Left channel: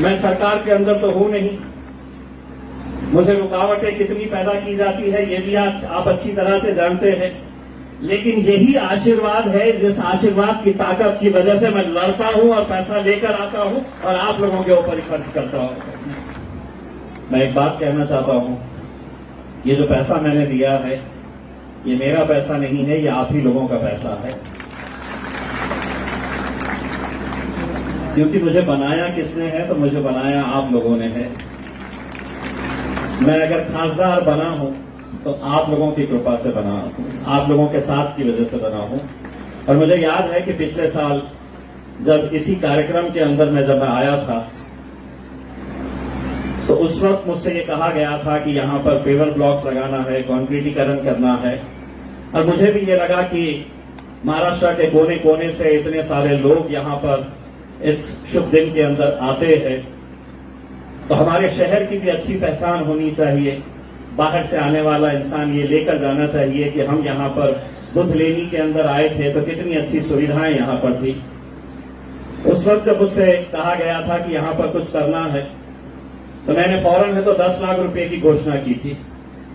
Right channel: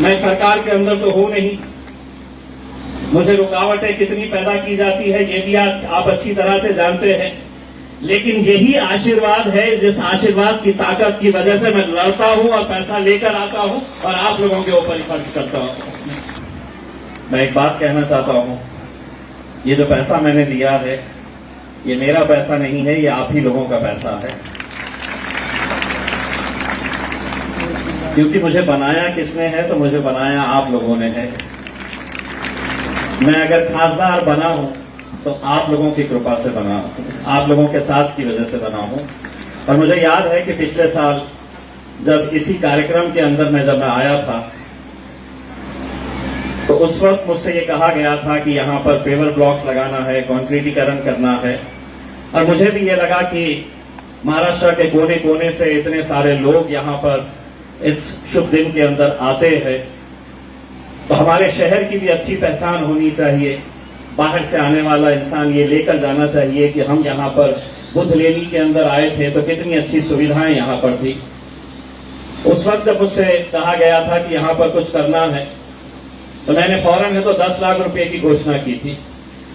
मैं सरकार के अंदर तो हूं नहीं, मुझे रुकावटें कितनी पैदा की जाती है ये भी आज आप अच्छी तरह से जानते हैं, लेकिन यही आशीर्वाद है जिस आशीर्वाद की ताकत की वजह से मैं लड़ता हूं और पैसा लेकर आता हूं और आप लोगों के ऊपर ही खर्च करता हूं। मैं एक बात कहना चाहता हूं, ये जो पैसा मैंने दिया है ये मेरा पैसा नहीं है, ये आप ही लोगों का पैसा है। क्योंकि मुझे बनाया किसने है, तो मुझे बनाया आप लोगों ने है। मैं अगर खासदार बना हूं तो आप लोगों की कृपा से बना हूं, आप लोगों के साथ की वजह से बना हूं। और मुझे याद है कि पिछले साल जब इसी कार्यक्रम के अंदर मैं आया था तो उस वक्त मुझसे ये कहा गया था कि यहां पर पेवर ब्लॉक्स लगाना है, कंक्रीटीकरण करना है। और मुझे भी ये लगा कि महाराष्ट्र के कोने कोने से इतने सारे लोग यहां पर इस शुभ दिन के अंदर आते हैं, तो हमारे शहर की भी अच्छी पहचान होनी चाहिए। बाहर से आने वाला इंसान ये लेकर जाना चाहिए कि हम यहां पर बुद्ध लेनी के अंदर आए थे तो कितनी अच्छी सुविधाएं यहां पर थी। उस वक्त जब मुझसे कहा गया था कि यहां पर कुछ करना है तो मैंने फौरन में तो 10 लाख रुपए की घोषणा की थी।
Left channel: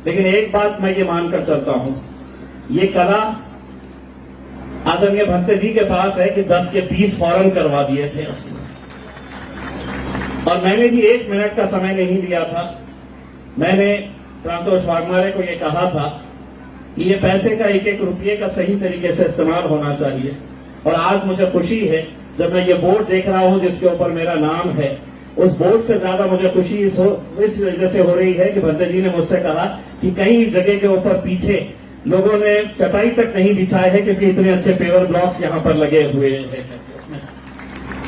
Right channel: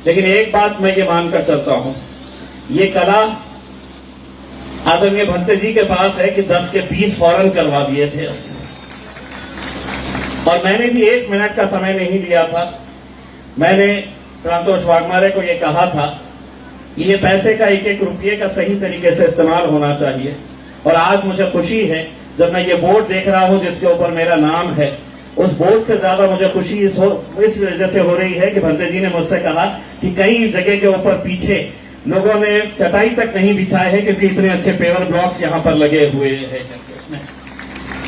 लेकिन एक बात मैं ये मानकर चलता हूं, ये कला आदरणीय भंते जी के पास है कि 10 के 20 फौरन करवा दिए थे उसने। और मैंने भी 1 मिनट का समय नहीं लिया था। मैंने प्रांतोष वाघमारे को यह कहा था कि ये पैसे का एक एक रुपये का सही तरीके से इस्तेमाल होना चाहिए। और आज मुझे खुशी है जब मैं ये बोर्ड देख रहा हूं जिसके ऊपर मेरा नाम है, उस बोर्ड से ज्यादा मुझे खुशी इस वजह से हो रही है कि भंते जी ने मुझसे कहा कि कई जगह के ऊपर पीछे लोगों ने चटाई तक नहीं बिछाए हैं क्योंकि इतने अच्छे पेवर ब्लॉक्स यहां पर लगे हुए हैं।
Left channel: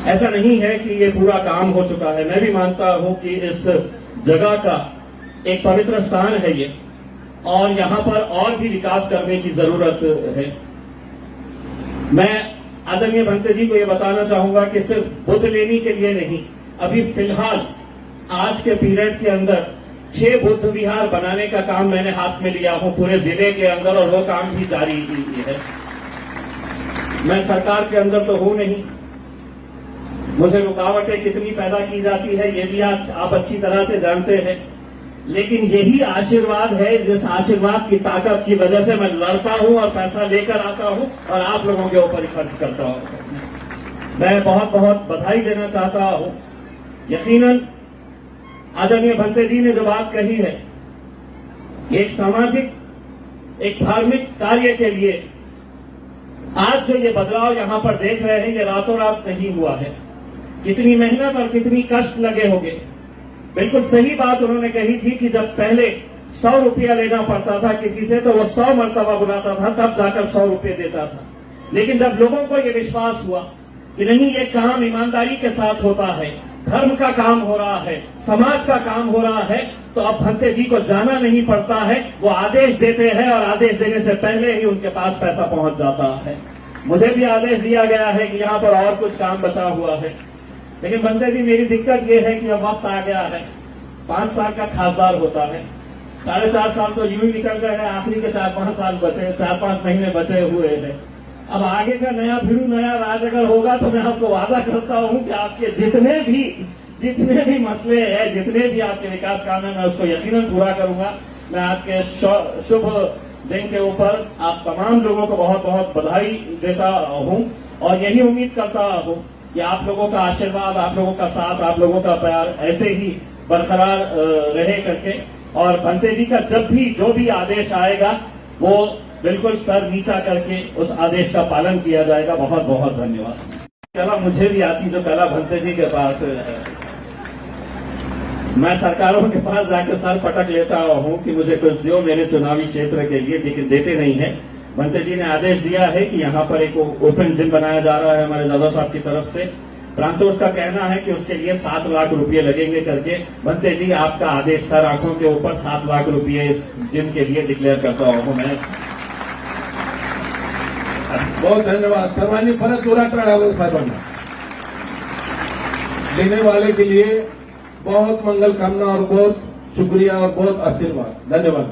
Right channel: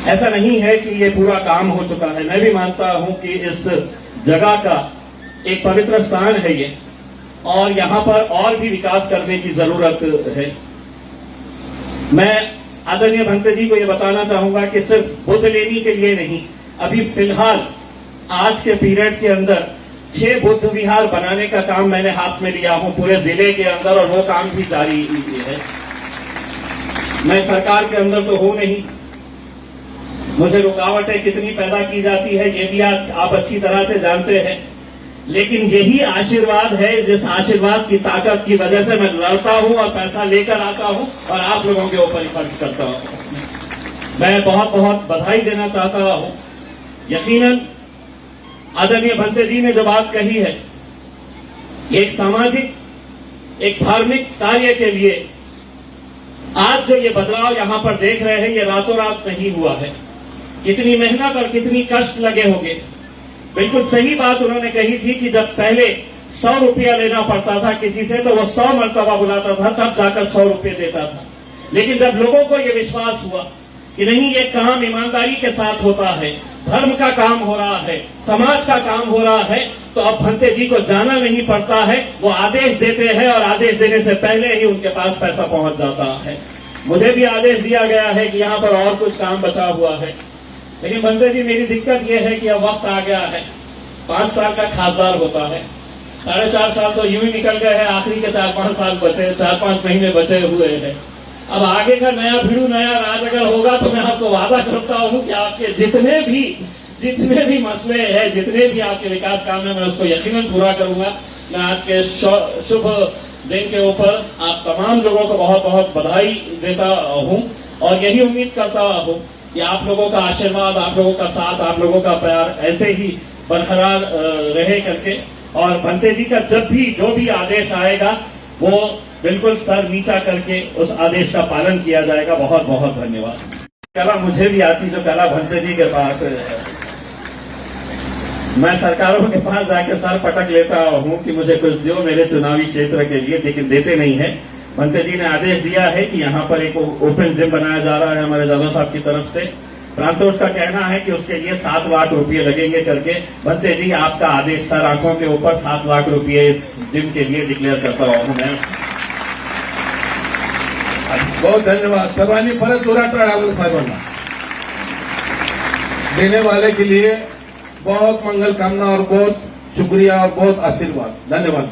ऐसा नहीं है कि ये पूरा काम हो चुका है। मैं भी मानता हूं कि इस जगह का एक पवित्र स्थान है ये, और यहां पर और भी विकास करने की जरूरत है। मैं आदरणीय भंते जी को ये बताना चाहूंगा कि सिर्फ बुद्ध लेनी के लिए नहीं, अभी फिलहाल आज के पीरियड के अंदर 6 बुद्ध विहार बनाने का काम मैंने हाथ में लिया हूं पूरे जिले के अंदर, और वो काम भी जारी है। मैं सरकार के अंदर तो हूं नहीं, मुझे रुकावटें कितनी पैदा की जाती है ये भी आज आप अच्छी तरह से जानते हैं, लेकिन यही आशीर्वाद है जिस आशीर्वाद की ताकत की वजह से मैं लड़ता हूं और पैसा लेकर आता हूं और आप लोगों के ऊपर ही खर्च करता हूं। मैं बहुत बहुत बधाई देना चाहता हूं। यकीनन आदरणीय भंते जी ने जो बात कही है, एक सामाजिक एक धार्मिक कार्य के लिए आज जो ये बदलाव यहां पर देख रहे हैं ये रातों रात नहीं हुआ है। कितनी मेहनत और कितनी कष्ट लगे होंगे। बिल्कुल सही बात उन्होंने कही थी कि जब पहले 100 रुपया लेना पड़ता था किसी से तो वो 100 मरतबा बुलाता था तब जाकर 100 रुपये देता था। लेकिन जब लोगों को ये विश्वास हुआ कि नहीं, ये काम ईमानदारी के साथ होता है, धर्म का काम हो रहा है, समाज का काम हो रहा है, तो अब भंते जी को जाना नहीं पड़ता है। वो आदेश देते हैं और आदेश देने से पहले ही उनके पास पैसा पहुंच जाता है। मुझे भी आदेश दिया गया है कि यहां पर और कुछ काम बचा हुआ है, लेकिन भंते जी मेरी दिक्कत यह है कि अब वक्त आ गया है, 5 साल का खासदार होता है, 4.5 साल तो यूं ही निकल गए हैं, आखिरी के 4-5 साल बचे, 4-5 महीने बचे हुए हैं। अब आगे का नया भिड़ू नया राज अगर होगा तो मैं आपको वादा करता हूं कि आपके जितने भी मसले हैं, जितने भी आपके विकास काम है, मैं उसको यकीनन पूरा करूंगा। मैं आज के शुभ दिन के ऊपर आप तमाम लोगों को बहुत बहुत बधाई देता हूं और यही उम्मीद करता हूं कि आप लोगों का आशीर्वाद, आप लोगों का साथ, आप लोगों का प्यार ऐसे ही बरकरार रहे करके। और भंते जी का जब भी जो भी आदेश आएगा वो बिल्कुल सर नीचा करके उस आदेश का पालन किया जाएगा। बहुत बहुत धन्यवाद। कला मुझे भी आती जो कला भंते जी के पास है। मैं सरकारों के पास जाके सर पटक लेता हूं कि मुझे कुछ दो मेरे चुनावी क्षेत्र के लिए, लेकिन देते नहीं है। भंते जी ने आदेश दिया है कि यहां पर एक ओपन जिम बनाया जा रहा है हमारे दादा साहब की तरफ से। प्रांतोष का कहना है कि उसके लिए 7 लाख रुपए लगेंगे करके। भंते जी आपका आदेश सर आंखों के ऊपर 7 लाख रुपए इस जिम के लिए डिक्लेयर करता हूं मैं। बहुत धन्यवाद। सर्वांनी परत जोरात टाळ्या सर्वांना देने वाले के लिए बहुत मंगल कामना और बहुत शुक्रिया और बहुत आशीर्वाद। धन्यवाद।